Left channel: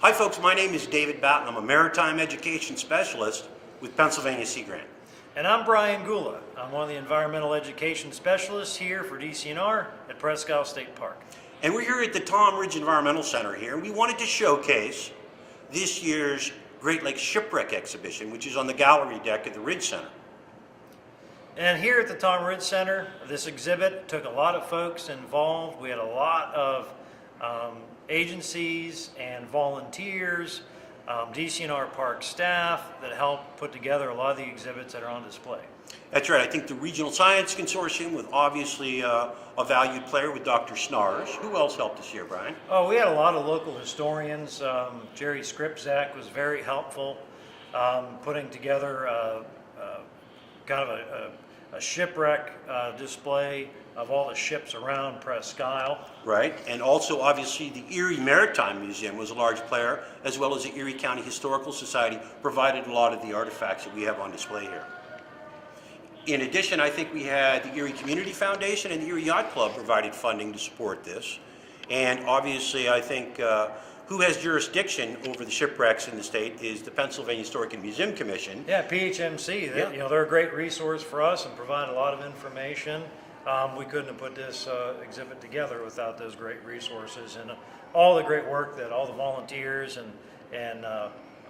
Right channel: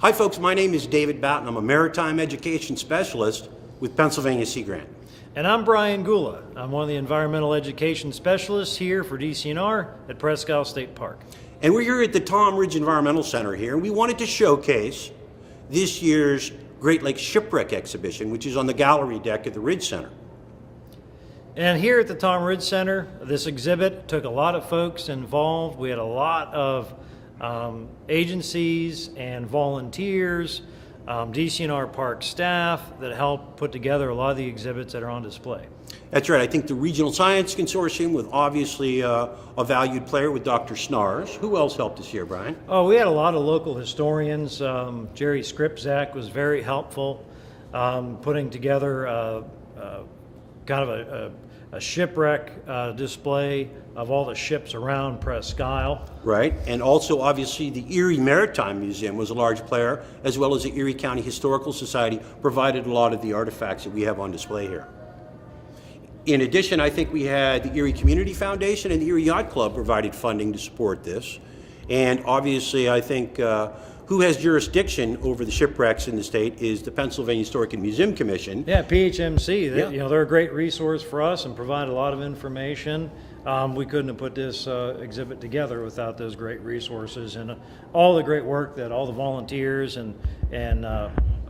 Hi folks, my name is David Boughton. I'm a maritime education specialist with Pennsylvania Sea Grant. And I'm Brian Gula. I'm one of the environmental education specialists here for DCNR at Presque Isle State Park. And we're here at the Tom Ridge Environmental Center here. We wanted to showcase this year's Great Lakes Shipwreck Exhibition, which is on the gallery deck at the Ridge Center. And here at the Tom Ridge Center, this exhibit took a lot of folks involved. We had a lot of agencies and volunteers, DCNR park staff that helped put together a lot of the exhibits that are on display. That's right. I think the Regional Science Consortium, with obviously a valued player with Dr. Snars. Who else helped us here, Brian? Oh, we had a lot of local historians. Jerry Skrypzak was very helpful, putting together kind of a shipwreck display of all the ships around Presque Isle. Right, and also obviously the Erie Maritime Museum was a large player, as well as the Erie County Historical Society provided a lot of the artifacts that we have on display here. In addition, I think we had the Erie Community Foundation and the Erie Yacht Club provided funding to support this. And obviously, I think who has jurisdiction over the shipwrecks in the state is the Pennsylvania Historic and Museum Commission. Yeah, PHMC. They're a great resource for us and provide a lot of information. We couldn't have put this exhibit together without those great resources and all the great work that all the volunteers and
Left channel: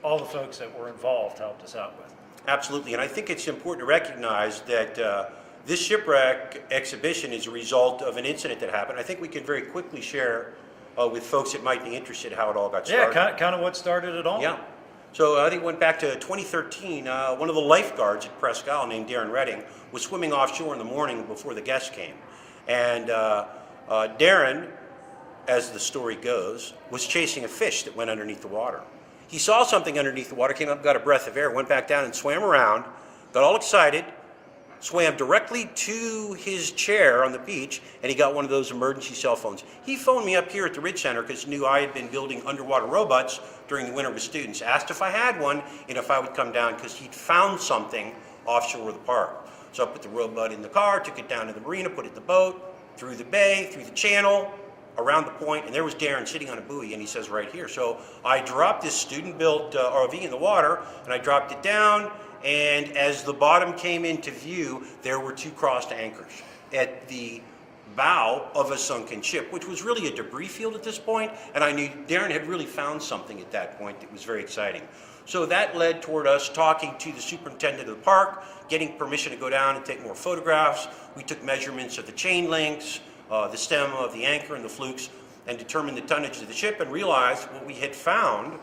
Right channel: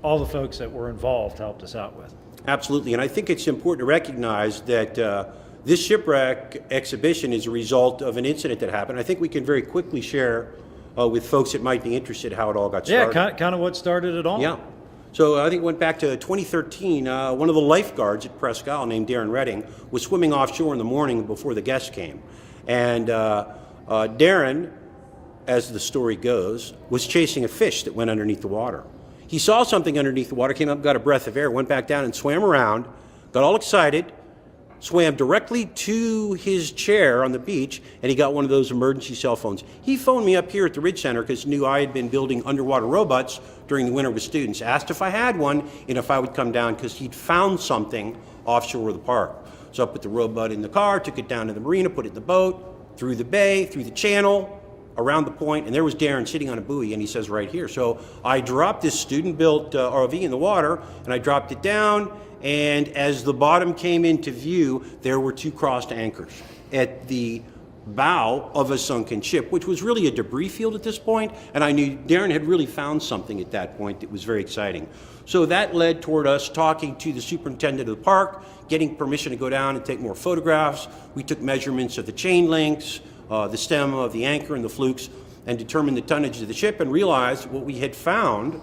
all the folks that were involved helped us out with. Absolutely, and I think it's important to recognize that this shipwreck exhibition is a result of an incident that happened. I think we can very quickly share with folks that might be interested how it all got started. Yeah, kind of what started it all. Yeah. So I think it went back to 2013. One of the lifeguards at Presque Isle named Darren Redding was swimming offshore in the morning before the guests came. And Darren, as the story goes, was chasing a fish that went underneath the water. He saw something underneath the water, came up, got a breath of air, went back down and swam around, got all excited, swam directly to his chair on the beach, and he got one of those emergency cell phones. He phoned me up here at the Ridge Center because he knew I had been building underwater robots during the winter with students, asked if I had one and if I would come down because he'd found something offshore of the park. So I put the robot in the car, took it down to the marina, put it in the boat, through the bay, through the channel, around the point, and there was Darren sitting on a buoy, and he says right here. So I dropped this student-built ROV in the water, and I dropped it down, and as the bottom came into view, there were two crossed anchors at the bow of a sunken ship, which was really a debris field at this point, and I knew Darren had really found something at that point that was very exciting. So that led toward us talking to the superintendent of the park, getting permission to go down and take more photographs. We took measurements of the chain links, the stem of the anchor and the flukes, and determined the tonnage of the ship, and realized what we had found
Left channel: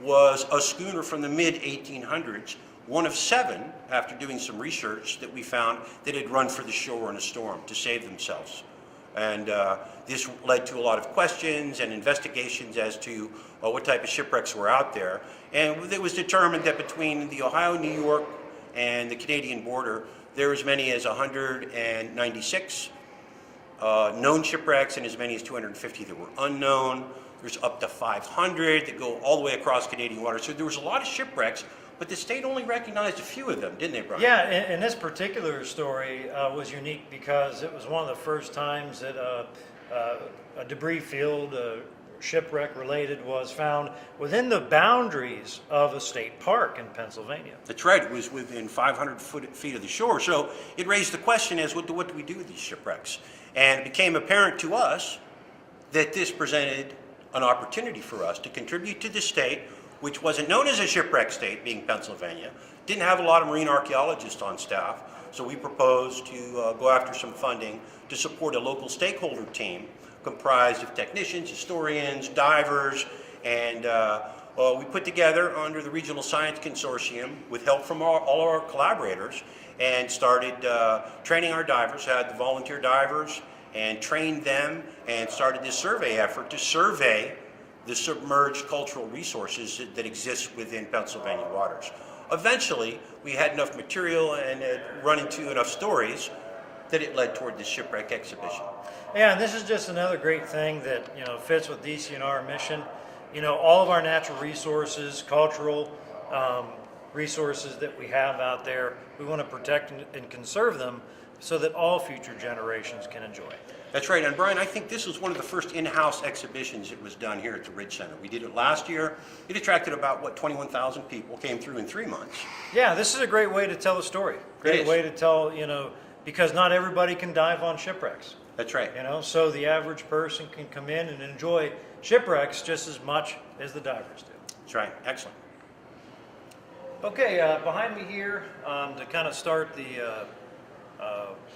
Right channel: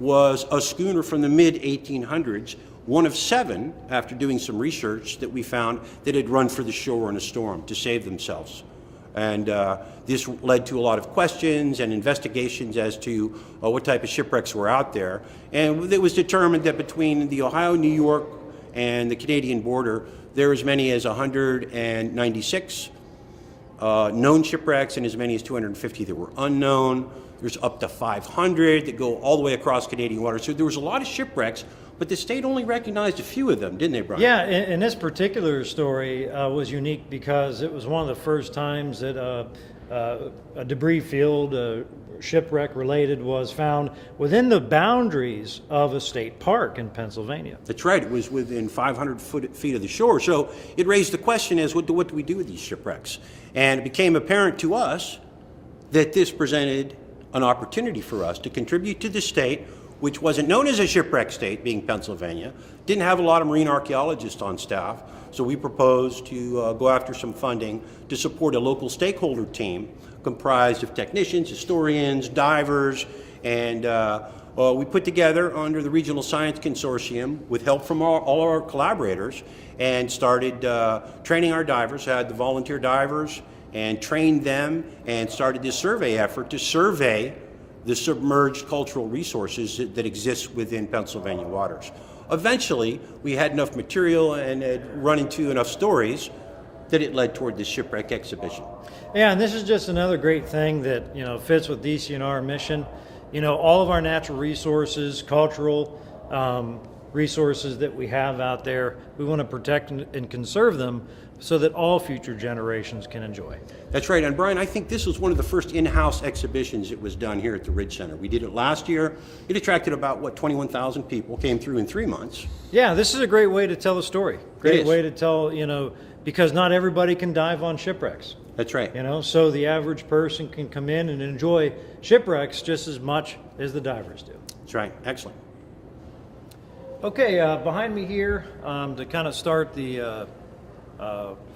was a schooner from the mid-1800s, one of 7, after doing some research, that we found that had run for the shore in a storm to save themselves. And this led to a lot of questions and investigations as to what type of shipwrecks were out there. And it was determined that between the Ohio, New York, and the Canadian border, there were as many as 196 known shipwrecks and as many as 250 that were unknown. There's up to 500 that go all the way across Canadian waters. So there was a lot of shipwrecks, but the state only recognized a few of them, didn't they, Brian? Yeah, and this particular story was unique because it was one of the first times that a debris field, shipwreck related, was found within the boundaries of a state park in Pennsylvania. That's right. It was within 500 feet of the shore. So it raised the question as, what do we do with these shipwrecks? And it became apparent to us that this presented an opportunity for us to contribute to the state, which wasn't known as a shipwreck state, being Pennsylvania, didn't have a lot of marine archaeologists on staff. So we proposed to go after some funding to support a local stakeholder team comprised of technicians, historians, divers, and we put together under the Regional Science Consortium, with help from all our collaborators, and started training our divers, had the volunteer divers, and trained them, and started this survey effort to survey the submerged cultural resources that exist within Pennsylvania waters. Eventually, we had enough material and had run into enough stories that it led toward this shipwreck exhibition. Yeah, and this is just another great thing that fits with DCNR mission. All of our natural resources, cultural resources that we have out there, we want to protect and conserve them so that all future generations can enjoy. That's right. And Brian, I think this was one of the first in-house exhibitions that was done here at the Ridge Center. We did it last year. It attracted about, 21,000 people, came through in 3 months. Yeah, this is a great way to tell a story. Great way to tell, because not everybody can dive on shipwrecks. That's right. So the average person can come in and enjoy shipwrecks just as much as the divers do. That's right. Excellent. Okay, behind me here, to kind of start the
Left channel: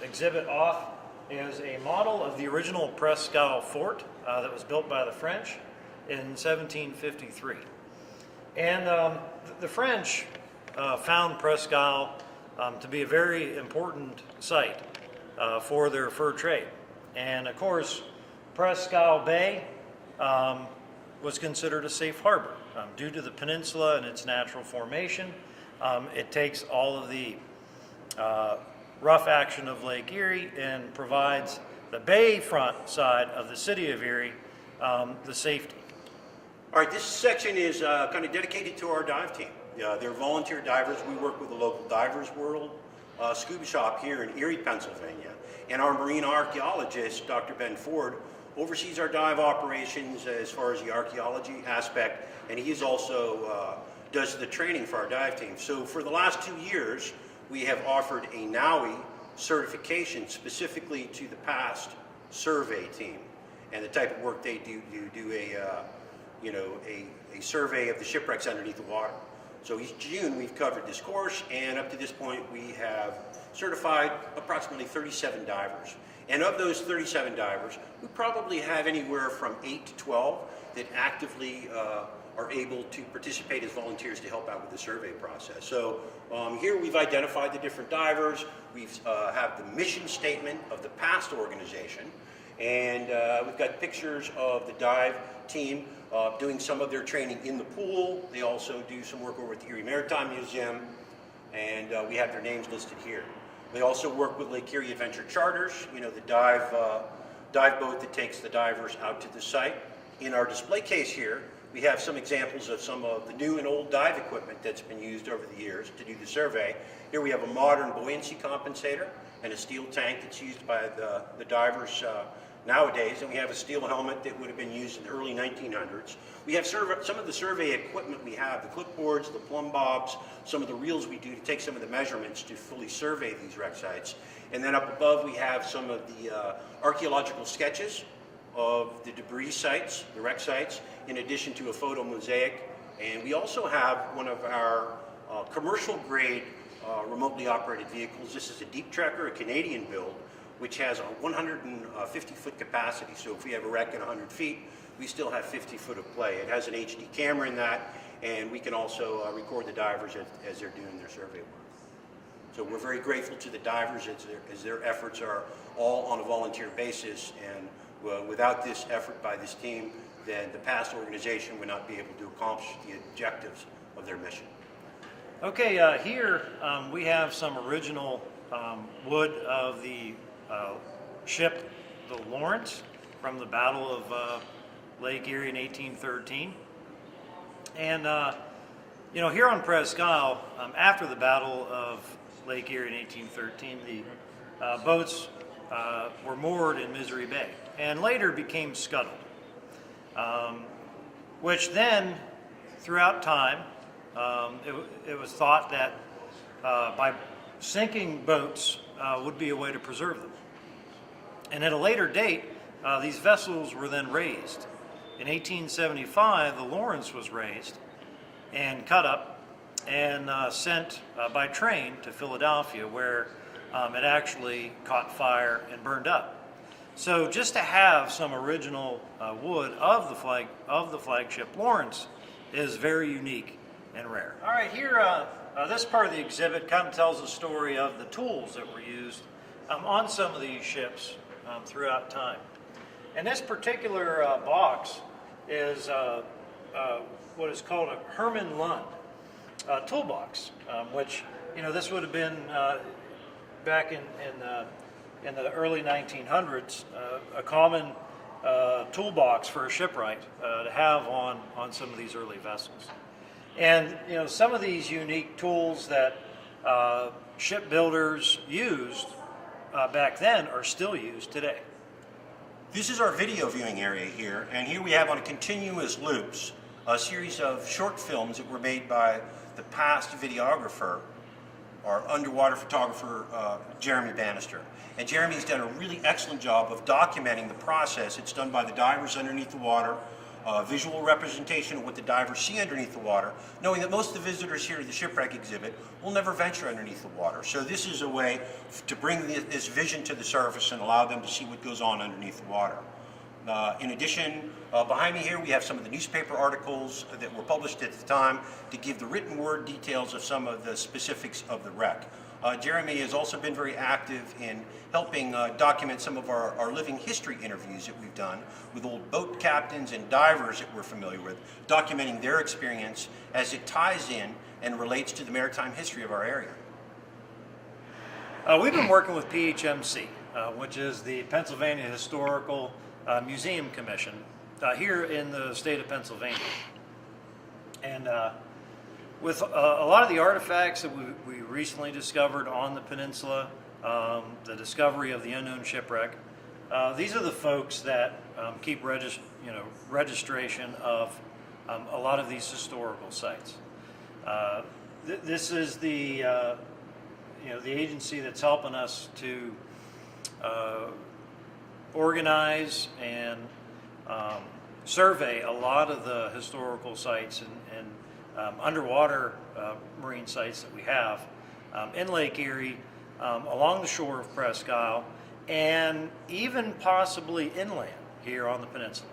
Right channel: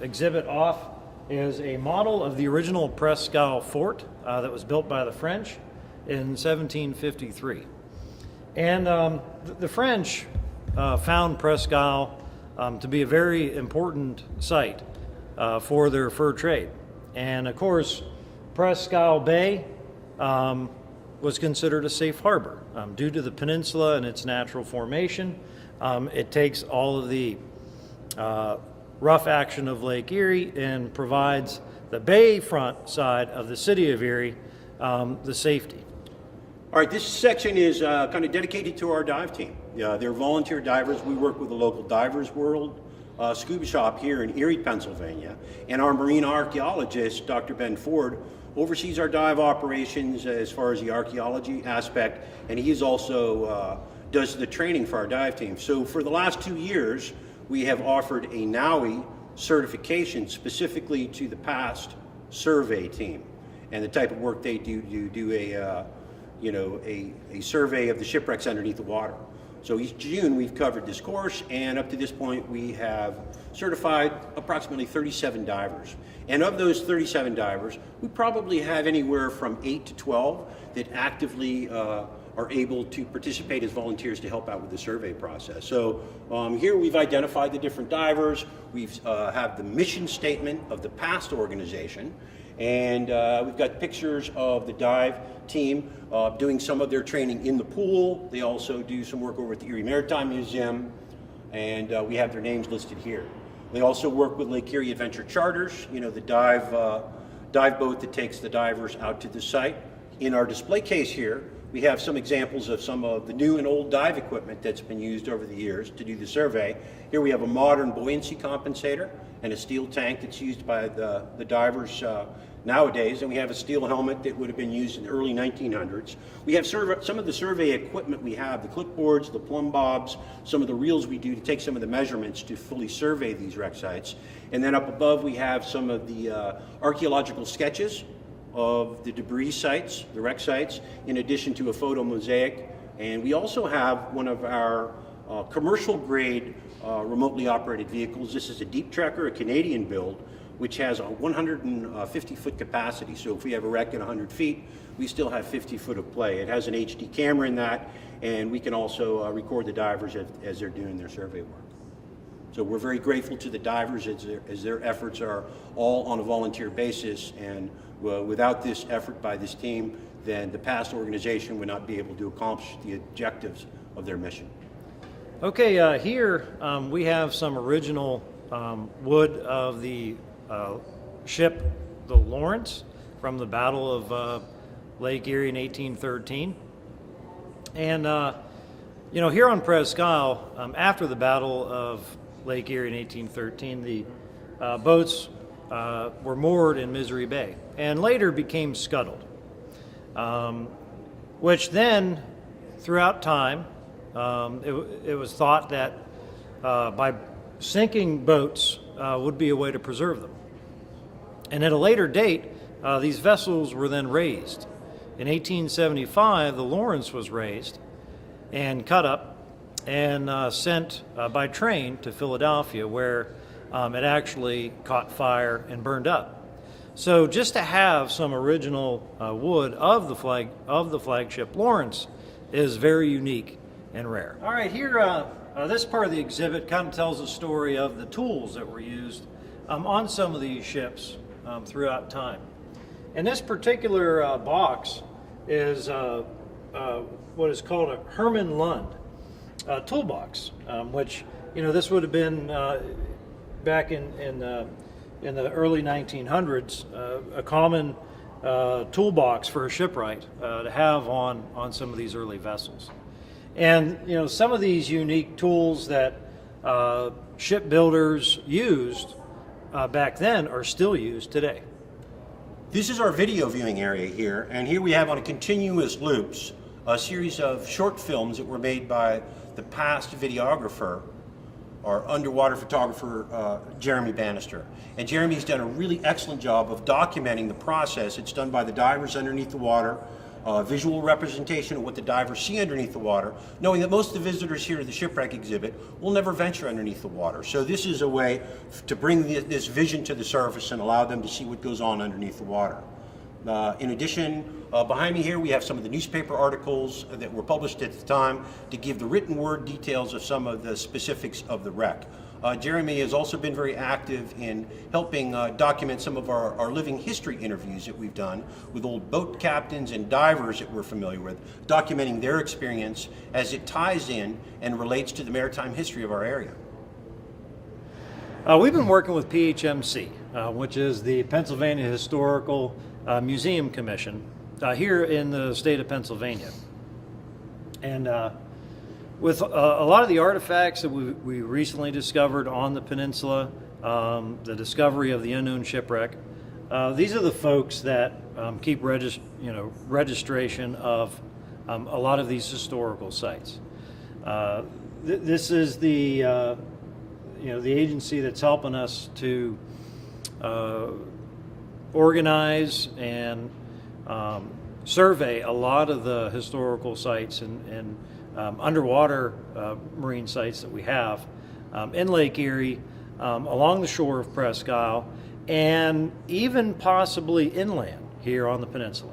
exhibit off, is a model of the original Presque Isle fort that was built by the French in 1753. And the French found Presque Isle to be a very important site for their fur trade. And of course, Presque Isle Bay was considered a safe harbor due to the peninsula and its natural formation. It takes all of the rough action of Lake Erie and provides the bayfront side of the city of Erie the safety. All right, this section is kind of dedicated to our dive team. They're volunteer divers. We work with the local Divers World scuba shop here in Erie, Pennsylvania. And our marine archaeologist, Dr. Ben Ford, oversees our dive operations as far as the archaeology aspect, and he is also does the training for our dive team. So for the last 2 years, we have offered a NAUI certification specifically to the past survey team, and the type of work they do a survey of the shipwrecks underneath the water. So each June we've covered this course, and up to this point we have certified approximately 37 divers. And of those 37 divers, we probably have anywhere from 8 to 12 that actively are able to participate as volunteers to help out with the survey process. So here we've identified the different divers. We've have the mission statement of the past organization, and we've got pictures of the dive team doing some of their training in the pool. They also do some work over at the Erie Maritime Museum, and we have their names listed here. They also work with Lake Erie Adventure Charters, the dive boat that takes the divers out to the site. In our display case here, we have some examples of some of the new and old dive equipment that's been used over the years to do the survey. Here we have a modern buoyancy compensator and a steel tank that's used by the divers nowadays, and we have a steel helmet that would have been used in the early 1900s. We have some of the survey equipment we have, the clipboards, the plumb bobs, some of the reels we do to take some of the measurements to fully survey these wreck sites. And then up above we have some of the archaeological sketches of the debris sites, the wreck sites, in addition to a photo mosaic. And we also have one of our commercial grade remotely operated vehicles. This is a deep trekker, a Canadian build, which has a 150-foot capacity. So if we have a wreck at 100 feet, we still have 50 foot of play. It has an HD camera in that, and we can also record the divers as they're doing their survey work. So we're very grateful to the divers as their efforts are all on a volunteer basis, and without this effort by this team, then the past organization would not be able to accomplish the objectives of their mission. Okay, here we have some original wood of the ship, the Lawrence, from the Battle of Lake Erie in 1813. And, here on Presque Isle, after the Battle of Lake Erie in 1813, the boats were moored in Misery Bay and later became scuttled, which then, throughout time, it was thought that by sinking boats would be a way to preserve them. And at a later date, these vessels were then raised. In 1875, the Lawrence was raised and cut up and sent by train to Philadelphia, where it actually caught fire and burned up. So just to have some original wood of the flagship Lawrence is very unique and rare. All right, here this part of the exhibit kind of tells the story of the tools that were used on some of these ships throughout time. And this particular box is what is called a Herman Lund toolbox, which, this would have been back in the early 1900s, a common toolbox for a shipwright to have on some of these early vessels. And some of these unique tools that shipbuilders used back then are still used today. This is our video viewing area here, and here we have on a continuous loops a series of short films that were made by the past videographer, our underwater photographer, Jeremy Bannister. And Jeremy's done a really excellent job of documenting the process. It's done by the divers underneath the water, visual representation of what the divers see underneath the water, knowing that most of the visitors here to the shipwreck exhibit will never venture underneath the water. So this is a way to bring this vision to the surface and allow them to see what goes on underneath the water. In addition, behind me here we have some of the newspaper articles that were published at the time to give the written word details of some of the specifics of the wreck. Jeremy has also been very active in helping document some of our living history interviews that we've done with old boat captains and divers that we're familiar with, documenting their experience as it ties in and relates to the maritime history of our area. We've been working with PHMC, which is the Pennsylvania Historical Museum Commission here in the state of Pennsylvania. And with a lot of the artifacts that we recently discovered on the peninsula, the discovery of the unknown shipwreck, these are the folks that keep registration of a lot of these historical sites. This is the the agency that's helping us to organize and survey a lot of the historical sites and underwater marine sites that we have in Lake Erie, along the shore of Presque Isle, and even possibly inland here on the peninsula.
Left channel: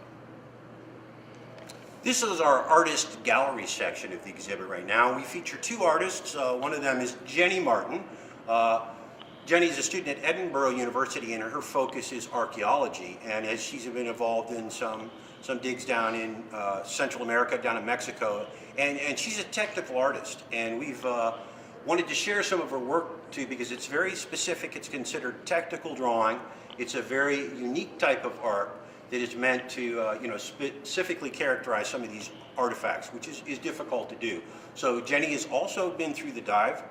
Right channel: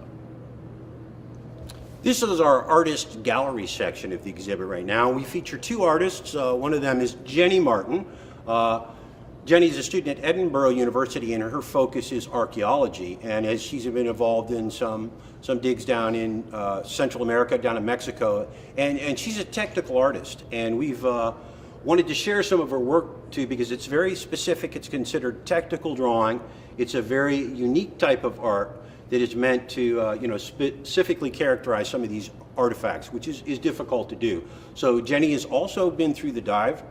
This is our artist gallery section of the exhibit right now. We feature two artists. One of them is Jenny Martin. Jenny's a student at Edinburgh University, and her focus is archaeology. And as she's been involved in some digs down in Central America, down in Mexico, and she's a technical artist. And we've wanted to share some of her work too, because it's very specific. It's considered technical drawing. It's a very unique type of art that is meant to specifically characterize some of these artifacts, which is difficult to do. So Jenny has also been through the dive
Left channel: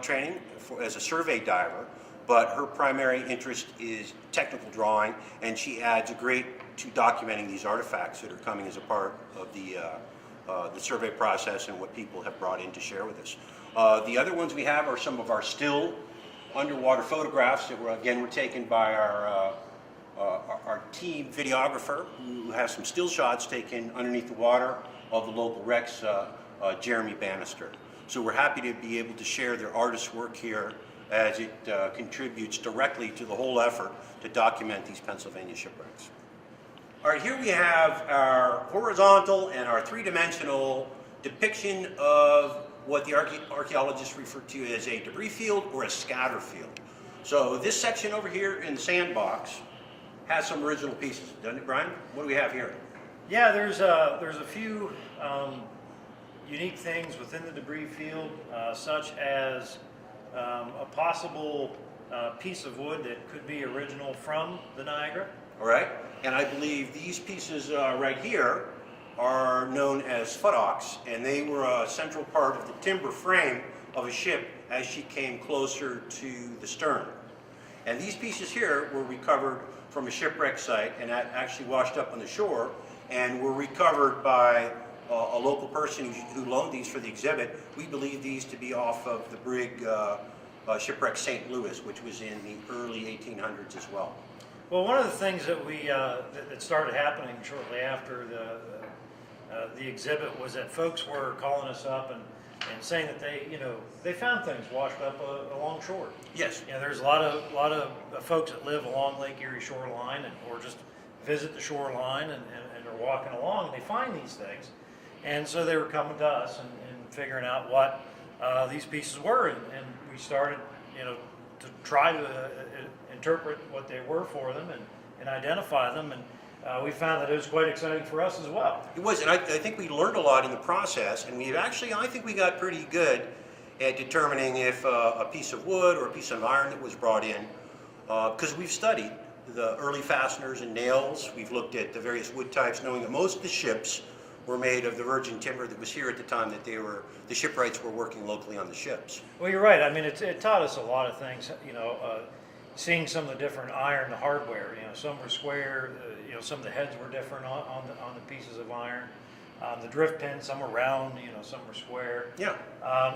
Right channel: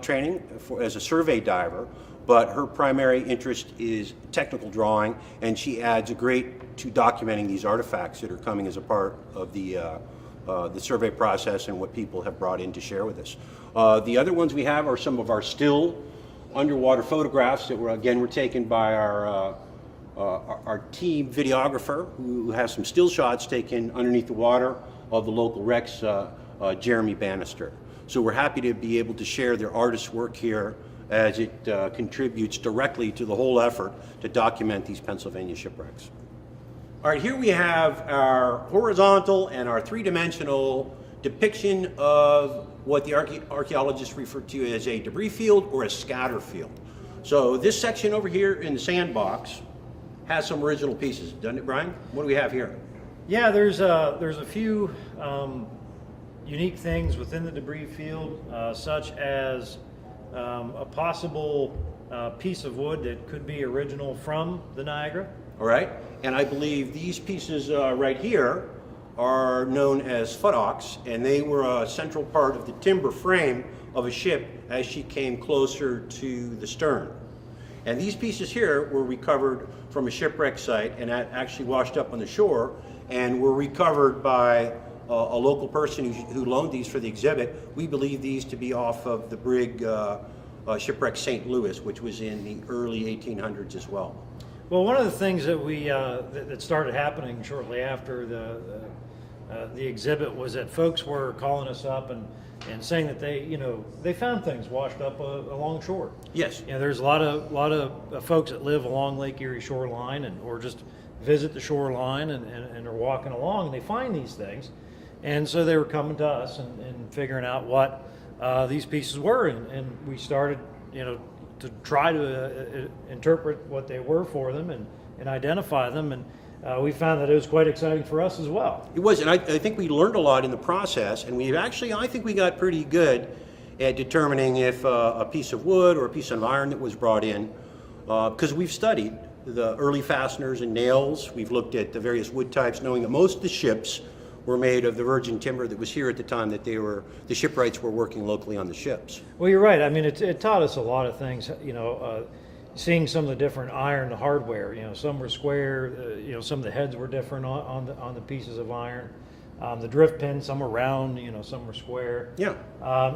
training as a survey diver, but her primary interest is technical drawing, and she adds a great to documenting these artifacts that are coming as a part of the survey process and what people have brought in to share with us. The other ones we have are some of our still underwater photographs that were taken by our team videographer, who has some still shots taken underneath the water of the local wrecks, Jeremy Bannister. So we're happy to be able to share their artist's work here as it contributes directly to the whole effort to document these Pennsylvania shipwrecks. All right, here we have our horizontal and our three-dimensional depiction of what the archaeologists refer to as a debris field or a scatter field. So this section over here in the sandbox has some original pieces, doesn't it, Brian? What do we have here? Yeah, there's a few unique things within the debris field, such as a possible piece of wood that could be original from the Niagara. All right, and I believe these pieces right here are known as futtocks, and they were a central part of the timber frame of a ship as she came closer to the stern. And these pieces here were recovered from a shipwreck site and actually washed up on the shore, and were recovered by a local person who loaned these for the exhibit. We believe these to be off of the brig shipwreck St. Louis, which was in the early 1800s as well. Well, one of the things that that started happening shortly after the exhibit was that folks were calling us up and saying that they found things washed up along shore. Yes. There's a lot of folks that live along Lake Erie shoreline or just visit the shoreline and are walking along, and they find these things. And so they were coming to us and figuring out what these pieces were, and we started to try to interpret what they were for them and identify them, and we found that it was quite exciting for us as well. It was, and I think we learned a lot in the process, and I think we got pretty good at determining if a piece of wood or a piece of iron that was brought in, because we've studied the early fasteners and nails. We've looked at the various wood types, knowing that most of the ships were made of the virgin timber that was here at the time that the shipwrights were working locally on the ships. Well, you're right. I mean, it taught us a lot of things. seeing some of the different iron hardware. Some were square. Some of the heads were different on the pieces of iron. The drift pins, some were round. Some were square. Yeah.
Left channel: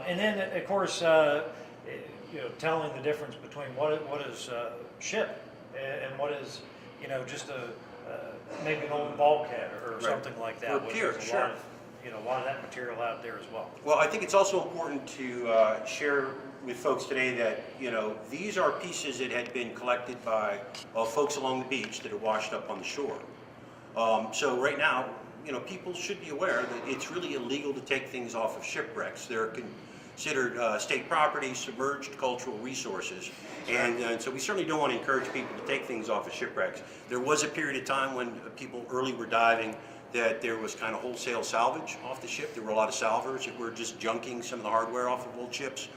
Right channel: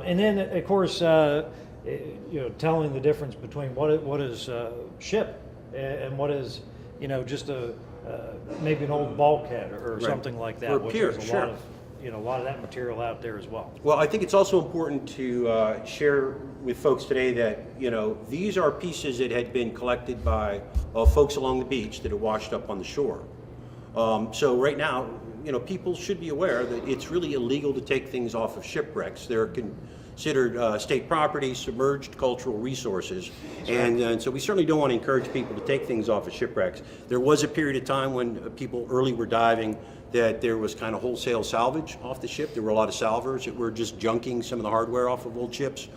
And then, of course, telling the difference between what is ship and what is just maybe an old bulkhead or Right. something like that. Or which pier, is sure. a lot of that material out there as well. Well, I think it's also important to share with folks today that, these are pieces that had been collected by folks along the beach that had washed up on the shore. So right now, people should be aware that it's really illegal to take things off of shipwrecks. They're considered state property, submerged cultural resources. And so we certainly don't want to encourage people to take things off of shipwrecks. There was a period of time when people early were diving that there was kind of wholesale salvage off the ship. There were a lot of salvors that were just junking some of the hardware off of old ships.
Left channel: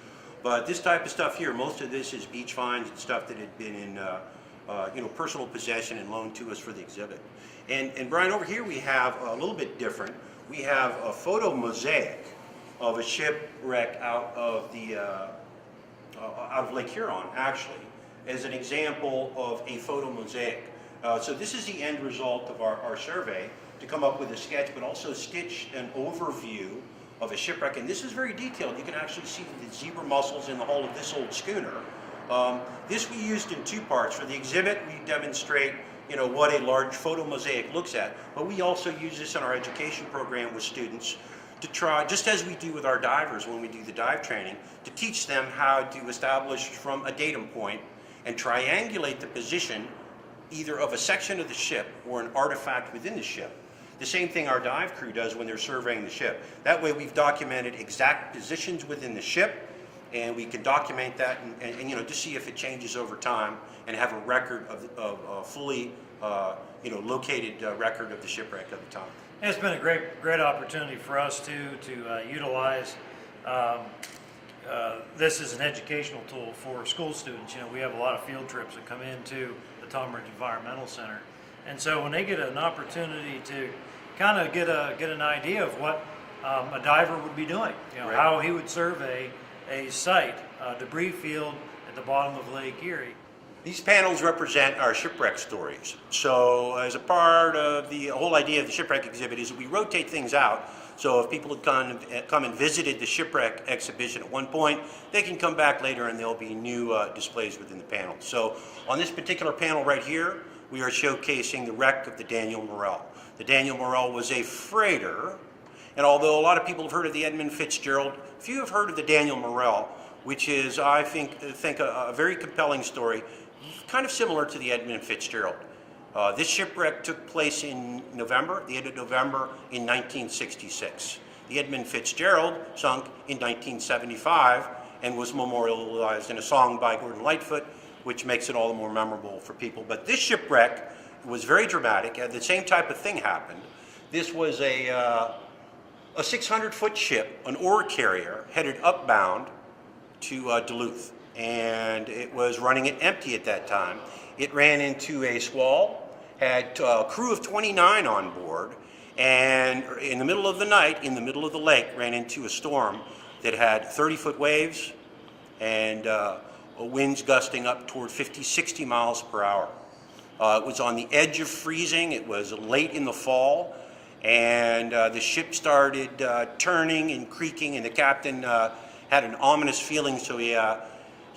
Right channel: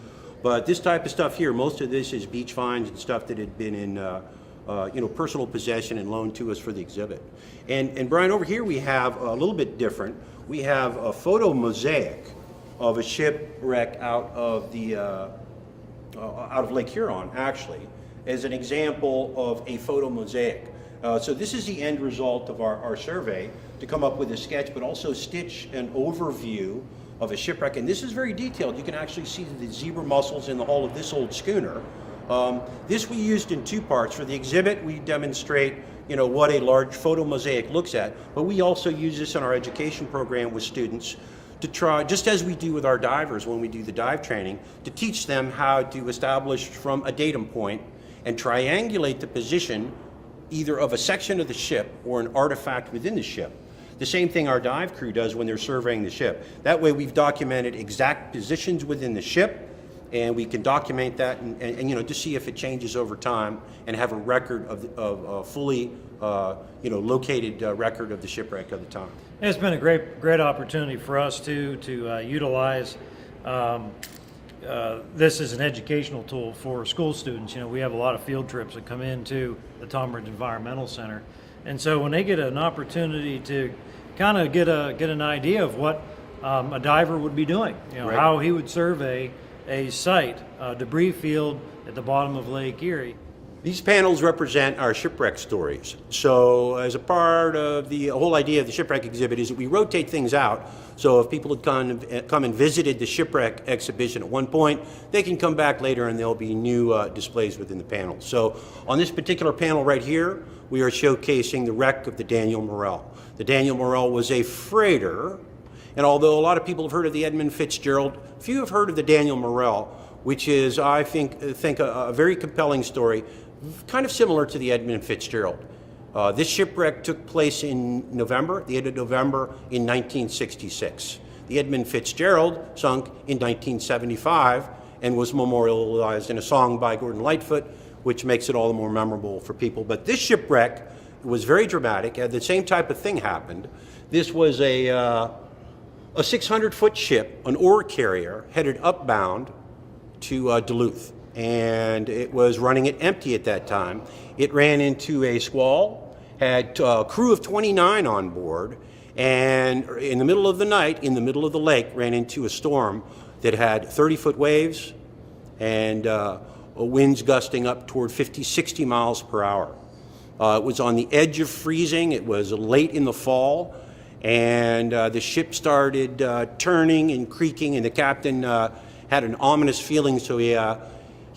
But this type of stuff here, most of this is beach finds and stuff that had been in personal possession and loaned to us for the exhibit. And Brian, over here we have a little bit different. We have a photo mosaic of a shipwreck out of Lake Huron, actually, as an example of a photo mosaic. So this is the end result of our survey, to come up with a sketch, but also stitch an overview of a shipwreck. And this is very detailed. You can actually see the zebra mussels in the hull of this old schooner. This we used in two parts. For the exhibit, we demonstrate what a large photo mosaic looks at, but we also use this in our education program with students to try, just as we do with our divers when we do the dive training, to teach them how to establish from a datum point and triangulate the position either of a section of the ship or an artifact within the ship. The same thing our dive crew does when they're surveying the ship. That way we've documented exact positions within the ship, and we can document that and to see if it changes over time and have a record of fully located record of the shipwreck at the time. It's been a great opportunity for us to utilize this as an educational tool for school students. We have a lot of field trips that come into the Tom Ridge Environmental Center, and so when they get an opportunity to kind of get an idea of what a diver would be doing, Right. how he would survey a site, debris field at the bottom of Lake Erie. These panels represent our shipwreck stories. So as a part of the whole idea of the shipwreck exhibit is that we rotate things out. So if people had come and visited the shipwreck exhibition at one point, they can come back later and there'll be new displays within the panels. So on this particular panel right here, we are showcasing the wreck of the Daniel Morrell. The Daniel Morrell was a freighter, and although a lot of people have heard of the Edmund Fitzgerald, few have heard of the Daniel Morrell, which is, I think a very compelling story, kind of similar to the Edmund Fitzgerald. This shipwreck took place in November, the end of November in 1966. The Edmund Fitzgerald sunk in 1975 and was memorialized in a song by Gordon Lightfoot, which makes it all the more memorable for people. But this shipwreck was very dramatic. The same type of thing happened. This was a 600-foot ship, an ore carrier, headed upbound to Duluth. And it was running it empty at that time. It ran into a squall, had a crew of 29 on board, and in the middle of the night, in the middle of the lake, ran into a storm that had 30-foot waves and winds gusting up toward 50, 60 miles per hour. It was on the edge of freezing. It was late in the fall, and the ship started turning and creaking, and the captain had an ominous feeling, so he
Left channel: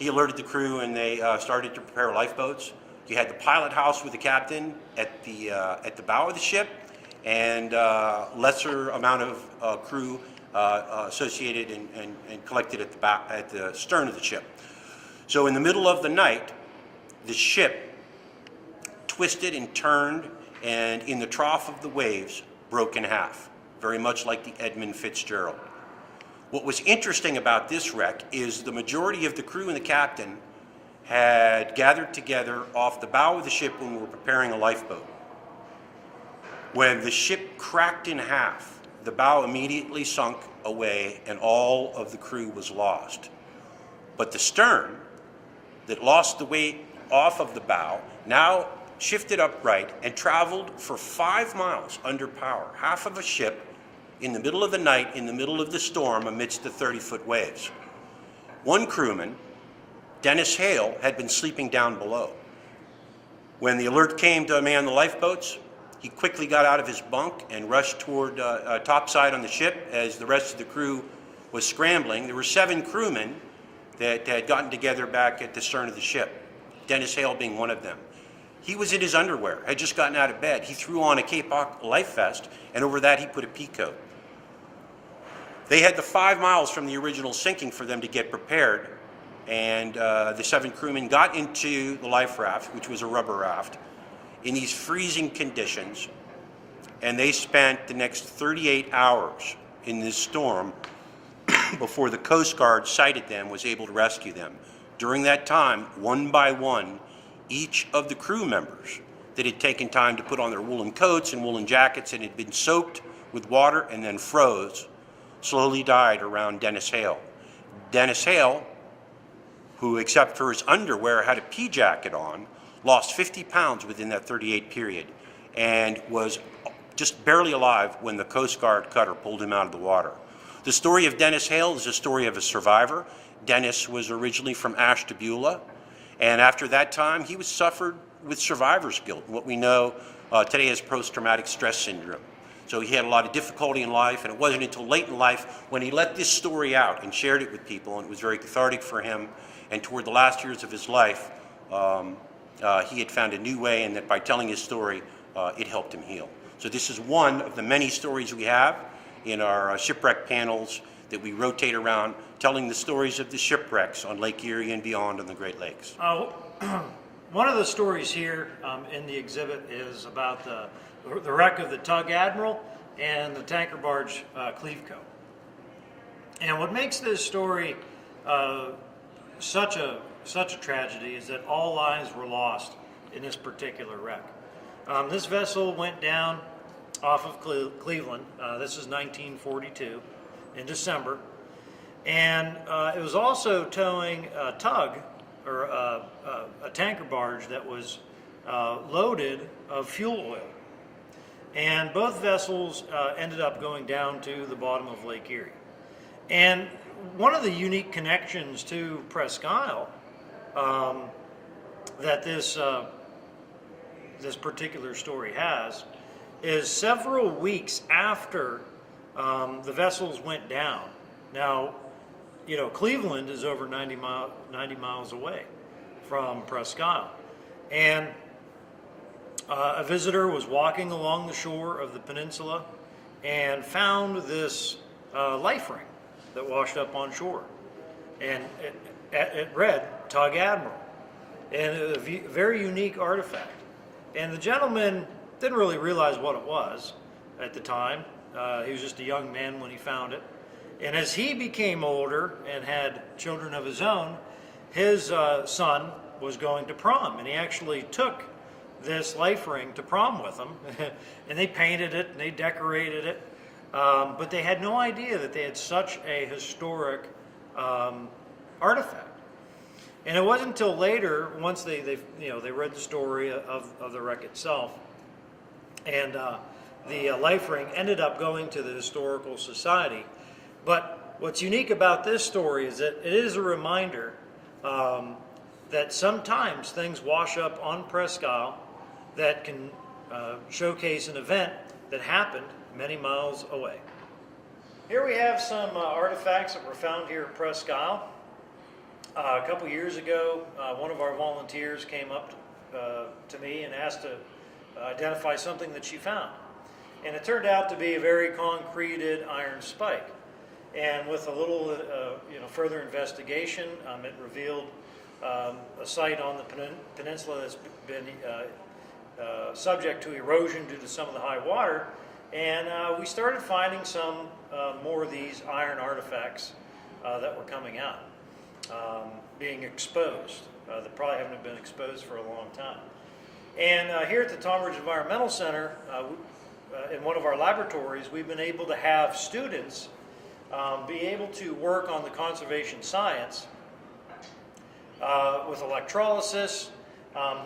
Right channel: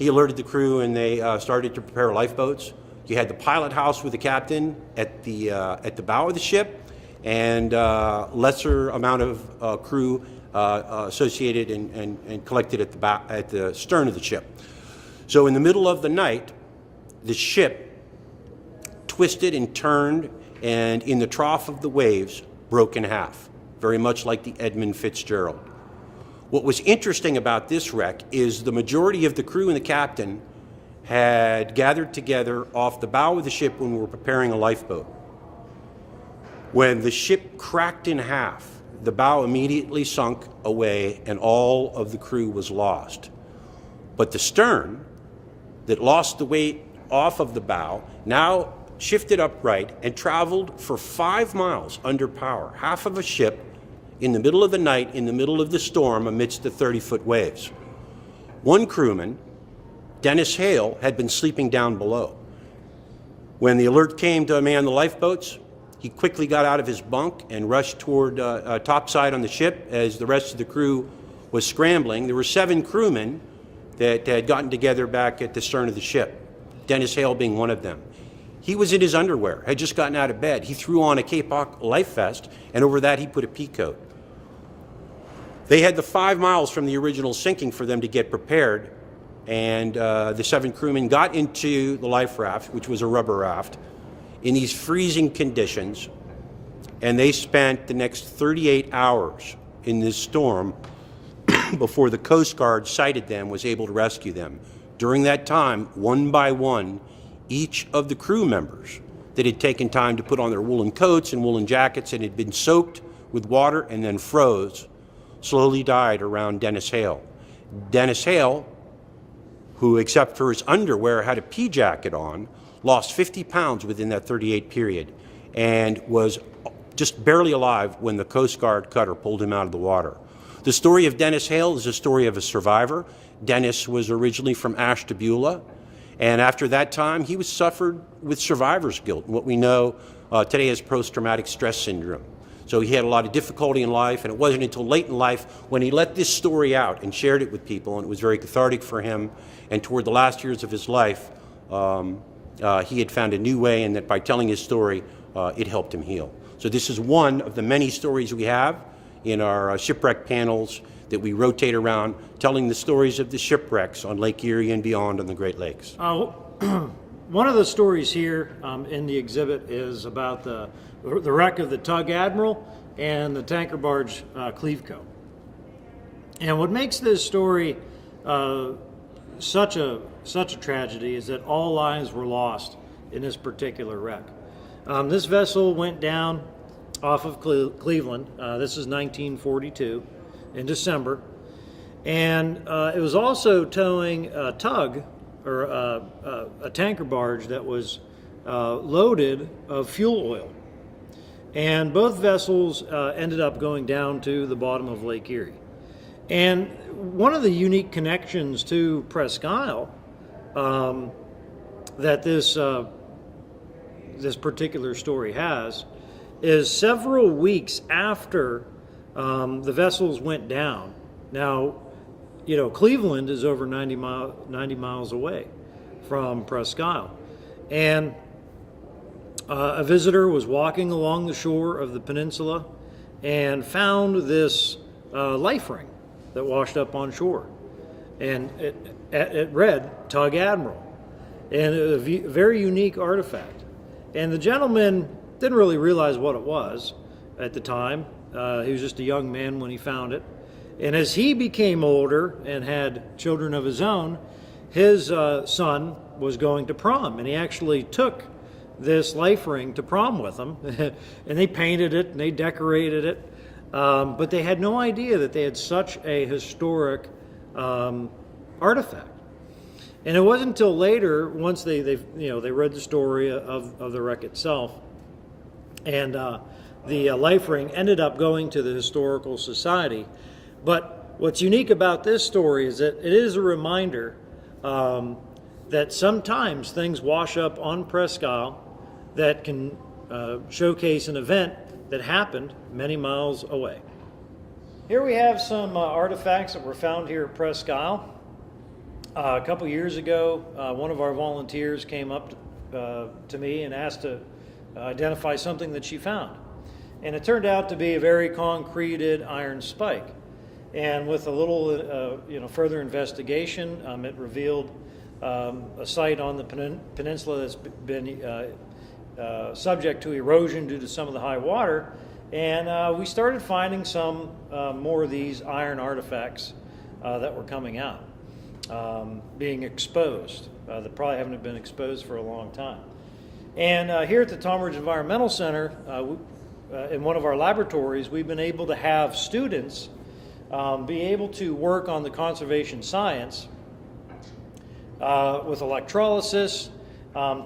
alerted the crew, and they started to prepare lifeboats. You had the pilot house with the captain at the bow of the ship, and lesser amount of crew associated and collected at the stern of the ship. So in the middle of the night, the ship twisted and turned, and in the trough of the waves, broke in half, very much like the Edmund Fitzgerald. What was interesting about this wreck is the majority of the crew and the captain had gathered together off the bow of the ship when we were preparing a lifeboat. When the ship cracked in half, the bow immediately sunk away and all of the crew was lost. But the stern, that lost the weight off of the bow, now shifted upright and traveled for 5 miles under power, half of a ship in the middle of the night, in the middle of the storm, amidst the 30-foot waves. One crewman Dennis Hale had been sleeping down below. When the alert came to man the lifeboats, he quickly got out of his bunk and rushed toward topside on the ship as the rest of the crew was scrambling. There were 7 crewmen that had gotten together back at the stern of the ship, Dennis Hale being one of them. He was in his underwear, had just gotten out of bed. He threw on a Kapok life vest, and over that he put a pea coat. They had the 5 miles from the original sinking for them to get prepared, and the 7 crewmen got into the life raft, which was a rubber raft, in these freezing conditions, and they spent the next 38 hours in this storm before the Coast Guard sighted them, was able to rescue them. During that time, one by one, each of the crew members that had taken time to put on their woolen coats and woolen jackets and had been soaked with water and then froze, slowly died around Dennis Hale. Dennis Hale, who except for his underwear had a pea jacket on, lost 50 pounds within that 38 period and was just barely alive when the Coast Guard cutter pulled him out of the water. The story of Dennis Hale is a story of a survivor. Dennis was originally from Ashtabula, and after that time he was suffered with survivor's guilt, what we know today as post-traumatic stress syndrome. So he had a lot of difficulty in life, and it wasn't until late in life when he let this story out and shared it with people, and it was very cathartic for him. And toward the last years of his life, he had found a new way, and that by telling his story, it helped him heal. So this is one of the many stories we have in our shipwreck panels that we rotate around, telling the stories of the shipwrecks on Lake Erie and beyond on the Great Lakes. One of the stories here in the exhibit is about the wreck of the Tug Admiral and the tanker barge Cleveco. And what makes this story such a tragedy is that all lives were lost in this particular wreck. This vessel went down off of Cleveland. This is 1942 in December. And it was also towing a tug, or a tanker barge that was loaded of fuel oil. And both vessels ended up going down to the bottom of Lake Erie. And one of the unique connections to Presque Isle that this particular story has is several weeks after the vessels went down. Now, you know, Cleveland is over 90 miles away from Presque Isle. And a visitor was walking along the shore of the peninsula and found this life ring that washed up on shore. And it read Tug Admiral, and a very unique artifact. And the gentleman didn't really realize what it was at the time. He was just a young man when he found it. And as he became older and had children of his own, his son was going to prom, and he actually took this life ring to prom with him. And they painted it and they decorated it, but they had no idea that they had such a historic artifact. And it wasn't until later, once they read the story of the wreck itself, and the life ring ended up going to the Historical Society. But what's unique about this story is that it is a reminder that sometimes things wash up on Presque Isle that can showcase an event that happened many miles away. Here we have some artifacts that were found here at Presque Isle. A couple years ago, one of our volunteers came up to me and asked to identify something that she found. And it turned out to be a very concreted iron spike. And with a little further investigation, it revealed a site on the peninsula that's been subject to erosion due to some of the high water. And we started finding some more of these iron artifacts that were coming out, being exposed, that probably haven't been exposed for a long time. And here at the Tonbridge Environmental Center, in one of our laboratories, we've been able to have students be able to work on the conservation science with electrolysis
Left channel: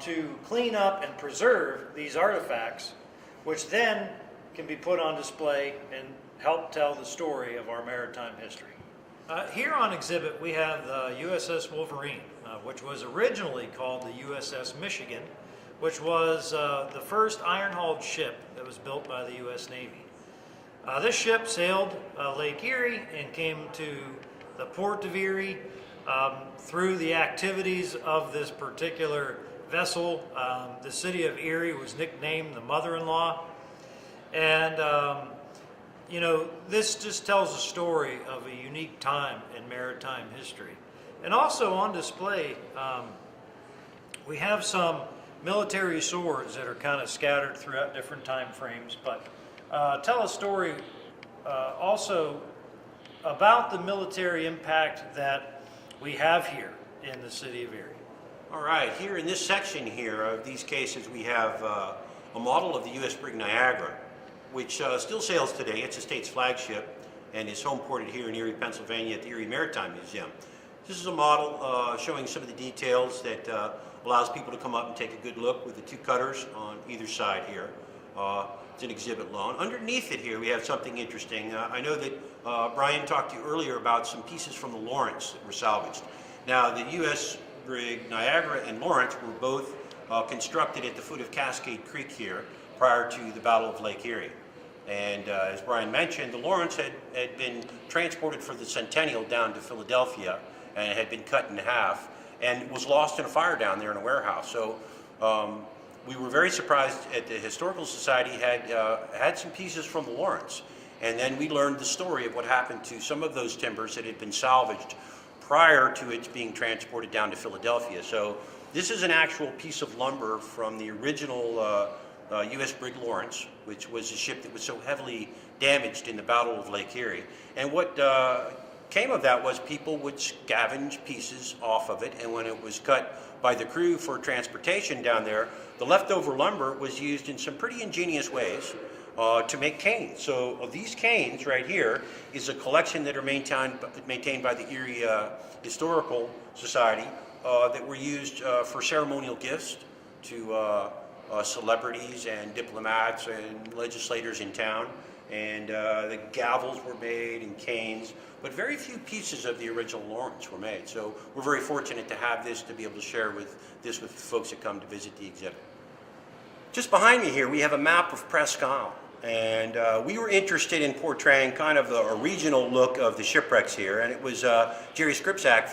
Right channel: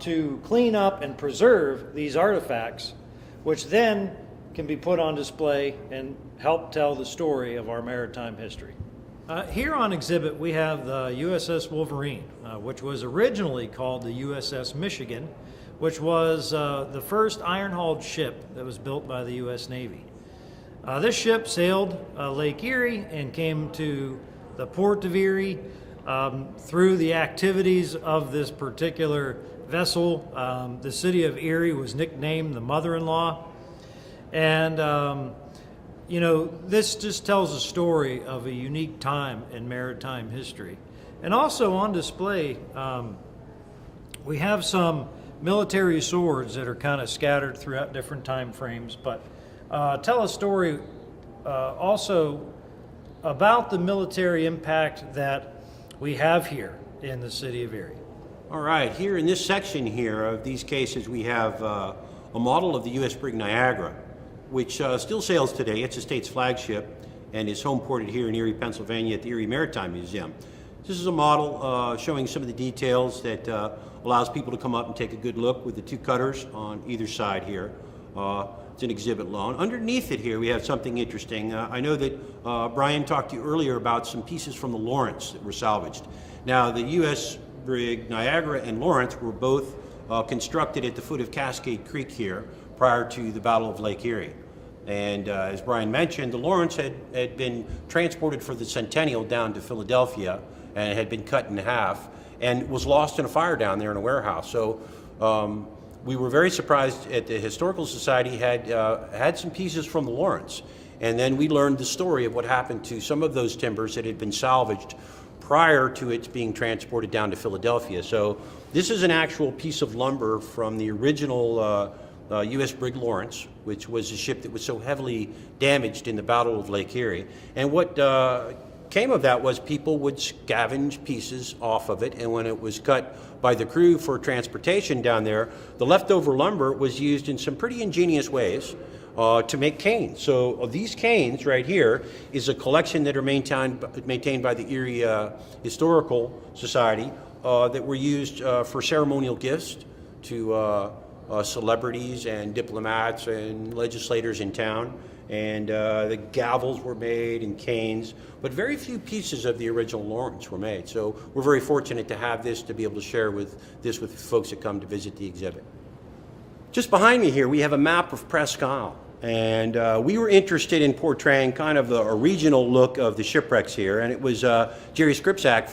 to clean up and preserve these artifacts, which then can be put on display and help tell the story of our maritime history. Here on exhibit we have the USS Wolverine, which was originally called the USS Michigan, which was the first iron-hulled ship that was built by the U.S. Navy. This ship sailed Lake Erie and came to the port of Erie. Through the activities of this particular vessel, the city of Erie was nicknamed the mother-in-law. And you know, this just tells a story of a unique time in maritime history. And also on display, we have some military swords that are kind of scattered throughout different time frames, but tell a story also about the military impact that we have here in the city of Erie. All right, here in this section here of these cases, we have a model of the U.S. brig Niagara, which still sails today. It's the state's flagship and is home ported here in Erie, Pennsylvania at the Erie Maritime Museum. This is a model showing some of the details that allows people to come up and take a good look with the two cutters on either side here. It's an exhibit loan. Underneath it here we have something interesting. I know that Brian talked to you earlier about some pieces from the Lawrence that were salvaged. Now the U.S. brig Niagara and Lawrence were both constructed at the foot of Cascade Creek here prior to the Battle of Lake Erie. And as Brian mentioned, the Lawrence had been transported for the Centennial down to Philadelphia and it had been cut in half and was lost in a fire down there in a warehouse. So we were very surprised at the Historical Society had some pieces from the Lawrence. And then we learned the story of what happened to some of those timbers that had been salvaged prior to it being transported down to Philadelphia. So this is an actual piece of lumber from the original U.S. brig Lawrence, which was a ship that was so heavily damaged in the Battle of Lake Erie. And what came of that was people would scavenge pieces off of it, and when it was cut by the crew for transportation down there, the leftover lumber was used in some pretty ingenious ways to make canes. So these canes right here is a collection that are maintained by the Erie Historical Society that were used for ceremonial gifts to celebrities and diplomats and legislators in town. And the gavels were made and canes, but very few pieces of the original Lawrence were made. So we're very fortunate to have this, to be able to share with folks that come to visit the exhibit. Just behind me here, we have a map of Presque Isle. And we were interested in portraying kind of a regional look of the shipwrecks here. And it was Jerry Skrypzak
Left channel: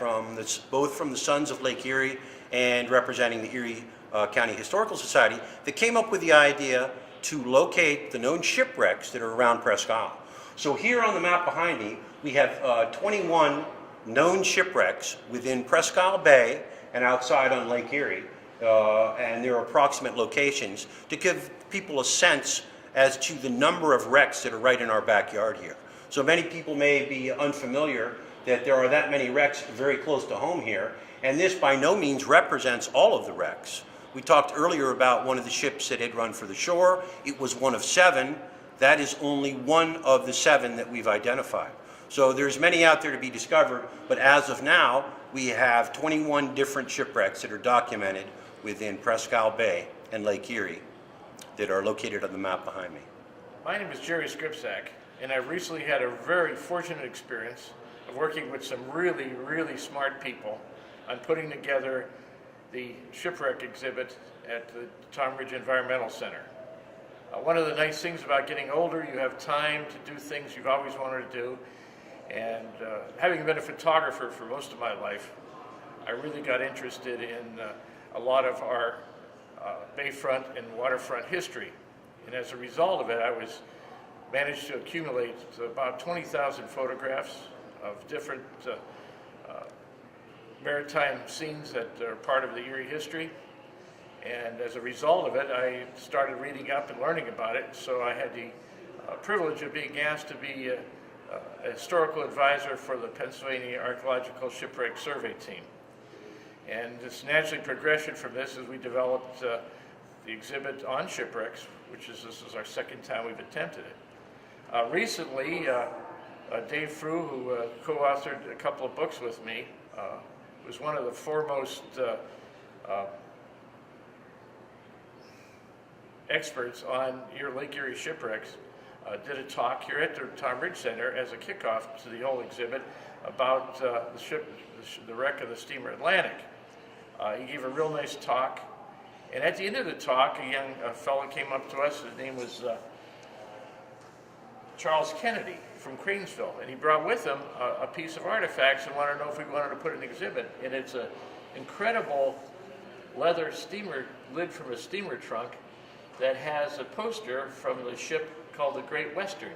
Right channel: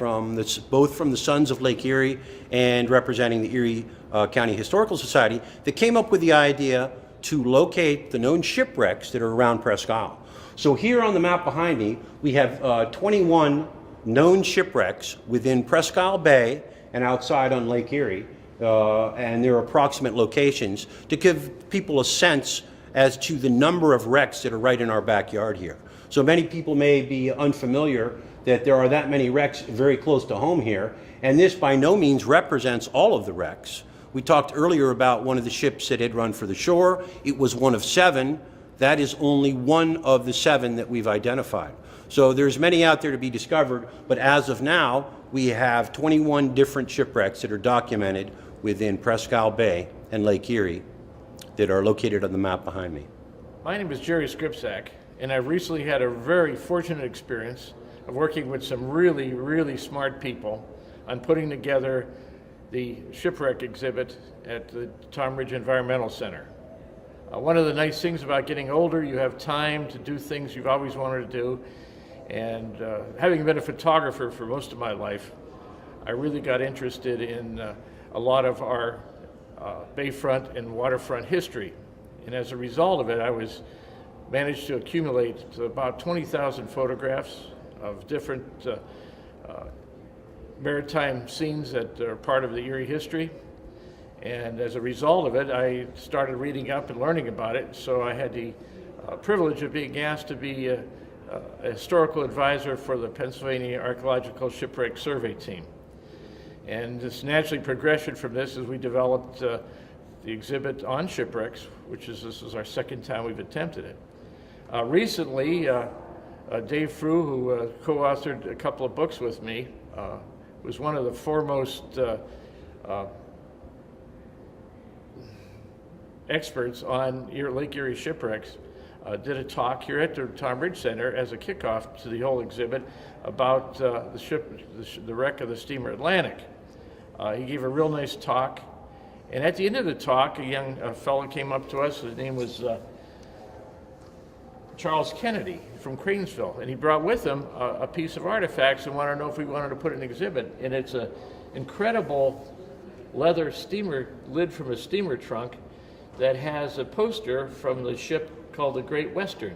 both from the Sons of Lake Erie and representing the Erie County Historical Society that came up with the idea to locate the known shipwrecks that are around Presque Isle. So here on the map behind me, we have 21 known shipwrecks within Presque Isle Bay and outside on Lake Erie, and their approximate locations to give people a sense as to the number of wrecks that are right in our backyard here. So many people may be unfamiliar that there are that many wrecks very close to home here, and this by no means represents all of the wrecks. We talked earlier about one of the ships that had run for the shore. It was one of 7. That is only one of the 7 that we've identified. So there's many out there to be discovered, but as of now, we have 21 different shipwrecks that are documented within Presque Isle Bay and Lake Erie that are located on the map behind me. My name is Jerry Skrypzak, and I recently had a very fortunate experience of working with some really, really smart people on putting together the shipwreck exhibit at the Tom Ridge Environmental Center. One of the nice things about getting older, you have time to do things you've always wanted to do. And having been a photographer for most of my life, I really got interested in a lot of our bayfront and waterfront history. And as a result of it, I managed to accumulate about 20,000 photographs of different maritime scenes that are part of the Erie history. And as a result of it, I started reading up and learning about it. So I had the privilege of being asked to be a historical advisor for the Pennsylvania Archaeological Shipwreck Survey Team. And this naturally progression from this as we developed the exhibit on shipwrecks, this is our second time we've attempted it. Recently, Dave Boughton, who co-authored a couple of books with me, was one of the foremost experts on Lake Erie shipwrecks, did a talk here at the Tom Ridge Center as a kickoff to the whole exhibit about the wreck of the steamer Atlantic. He gave a real nice talk, and at the end of the talk, a young fellow came up to us. His name was Charles Kennedy from Cranesville, and he brought with him a piece of artifacts and wanted to know if we wanted to put it in an exhibit. And it's an incredible leather steamer lid from a steamer trunk that has a poster from the ship called the Great Western.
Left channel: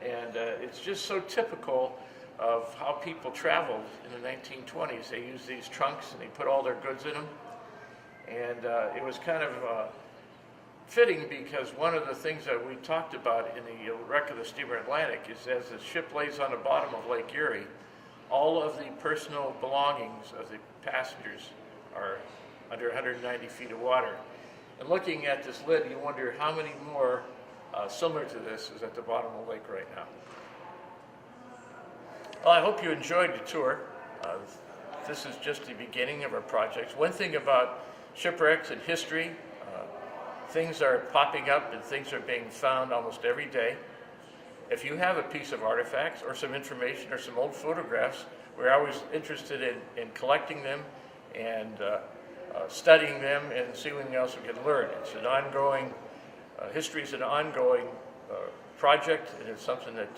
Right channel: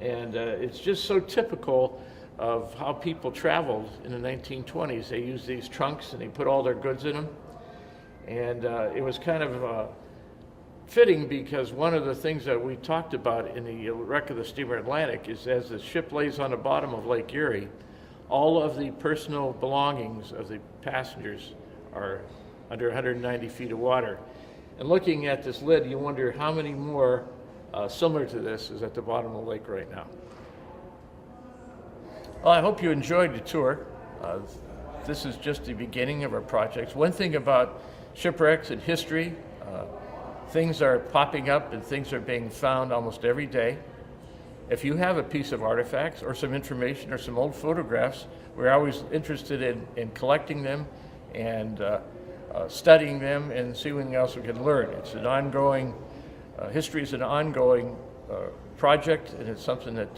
And it's just so typical of how people traveled in the 1920s. They used these trunks and they put all their goods in them. And it was kind of fitting, because one of the things that we talked about in the wreck of the steamer Atlantic is, as the ship lays on the bottom of Lake Erie, all of the personal belongings of the passengers are under 190 feet of water. And looking at this lid, you wonder how many more similar to this is at the bottom of the lake right now. Well, I hope you enjoyed the tour. This is just the beginning of our projects. One thing about shipwrecks and history, things are popping up and things are being found almost every day. If you have a piece of artifacts or some information or some old photographs, we're always interested in collecting them and studying them and seeing what else we can learn. It's an ongoing, history is an ongoing project, and it's something that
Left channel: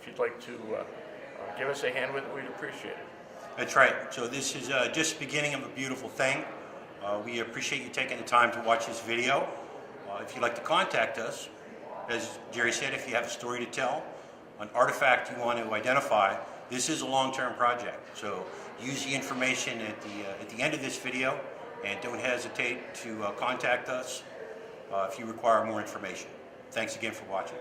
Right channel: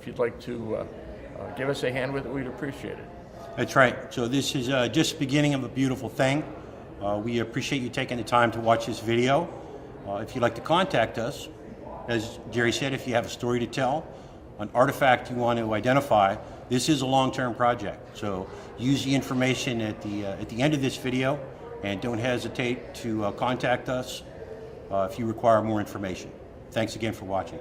if you'd like to give us a hand with it, we'd appreciate it. That's right. So this is just the beginning of a beautiful thing. We appreciate you taking the time to watch this video. If you'd like to contact us, as Jerry said, if you have a story to tell, an artifact you want to identify, this is a long-term project. So use the information at the end of this video, and don't hesitate to contact us if you require more information. Thanks again for watching.